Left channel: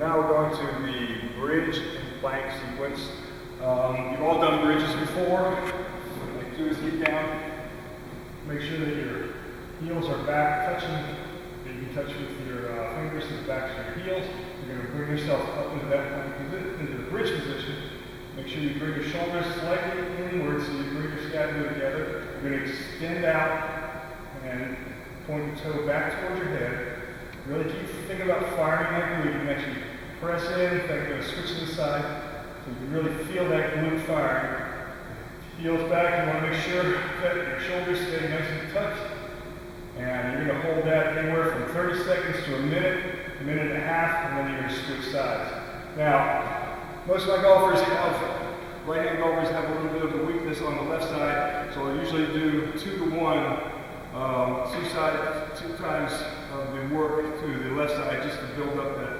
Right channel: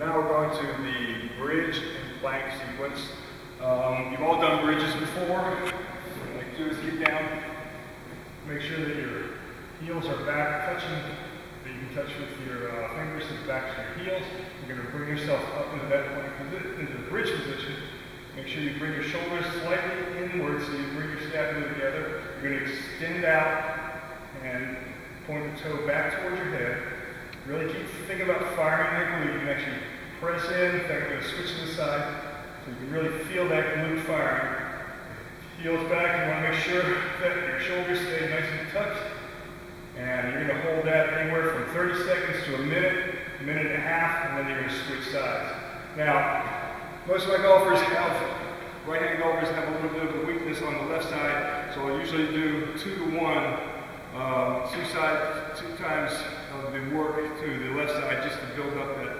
Now we're going to the bridge and plank sequence. You've all done bridges before. What you do is get down, make sure that your heels are back touching, that you can touch with your fingers to the backs of your heels. You're going to bring yourself up into that plank position, into the bridge position. Make sure you bring your shoulders slightly inward so you bring your scapula together. You're going to extend out and point the toe back towards your head. Really think about firing that glute. You can actually press in. In fact, I'm going to switch to the side so you can really feel that glute firing. Heels back. You want to make sure that your shoulders stay nice and tucked. And you're going to hold that anywhere from 30 seconds to a minute and a half, and then you're going to switch sides. Now, most of my golfers, right-handed golfers, have a little bit of a weakness on the left side, so I usually do 2 to 1. Two times of the work to the left side just to build up that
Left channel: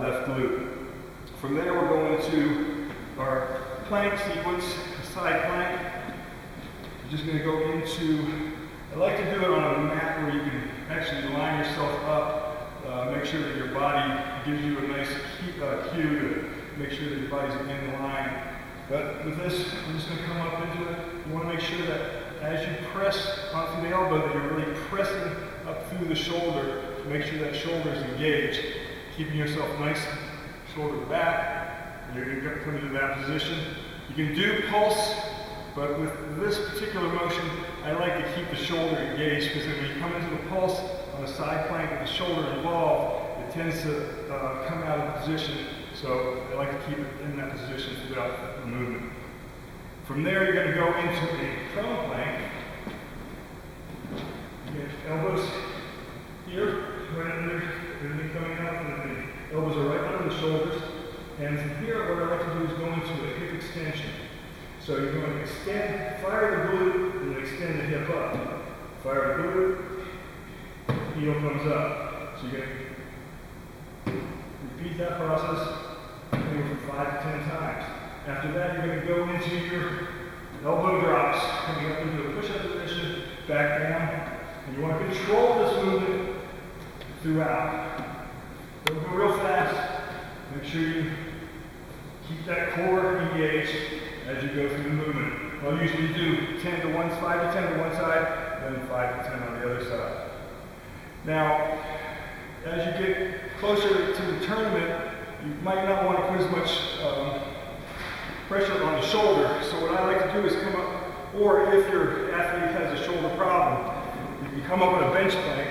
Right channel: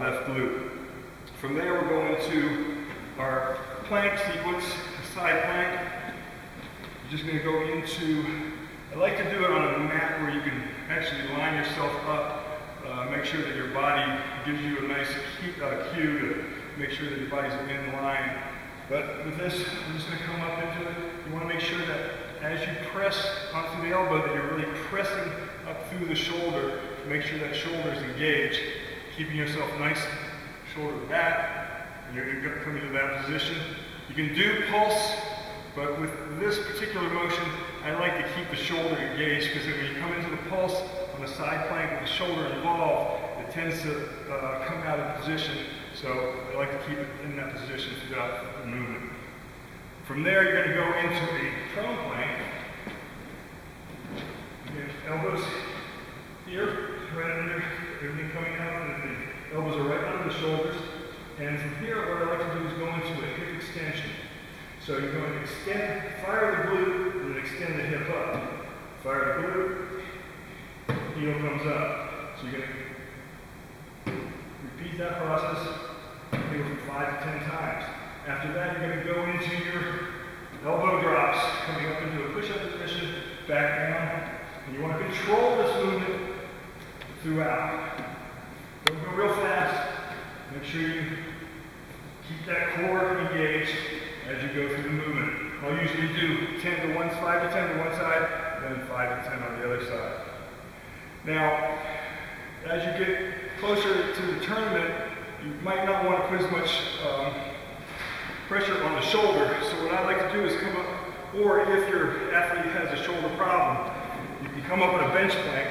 left glute. From there we're going to our plank sequence, side plank. You're just going to go into, I like to do it on a mat where you can actually line yourself up, make sure that your body gives you a nice cue to make sure that your body's in line. But with this, I'm just going to come up into it. You want to make sure that as you press onto the elbow, that you're really pressing up through the shoulder to make sure that shoulder is engaged, keeping yourself nice, shoulder back, and you're going to come into that position. You can do pulse, but with this particular motion, I like to keep the shoulder engaged because when you come into the pulse on the side plank with the shoulder involved, it tends to come out of position. So I like to keep it in that position throughout the movement. From there, you're going to go into a prone plank. Again, elbows here, right under, everything coming out, and the elbows are right under the shoulders. And from here, what I like to do is go into a hip extension. So you're going to extend, fire the glute, and then extend the hip up. Fire the glute, heel comes up. So you're going to repeat that process maybe 5 to 10 times. After that, you're going to go into your elbow drops, coming up into a push-up position, back down. And you want to control this movement throughout. Don't go real fast. Make sure you keep that core engaged as you go through the movement. I'll usually do 5 to 10 to one side, then 5 to 10 on the other side. Now, as you get closer to the tournament, you might not want to put as much pressure on the shoulder. So what I like to do is come up, or if your athlete has a shoulder problem, you can come up on a bench plank.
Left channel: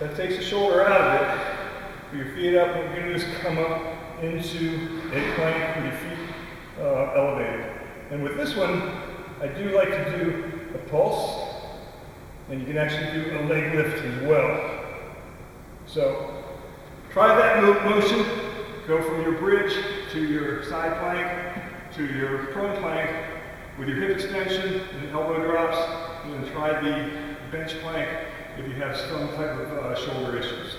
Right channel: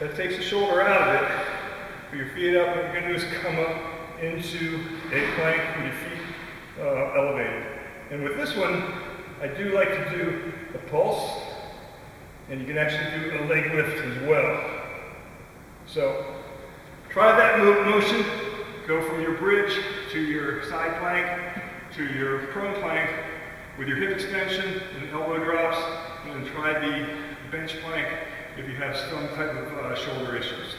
That takes the shoulder out of it. Put your feet up. What you're going to do is come up into a plank with your feet elevated. And with this one, I do like to do a pulse, and you can actually do a leg lift as well. So try that motion. Go from your bridge to your side plank to your prone plank with your hip extension and elbow drops, and then try the bench plank if you have some type of shoulder issues.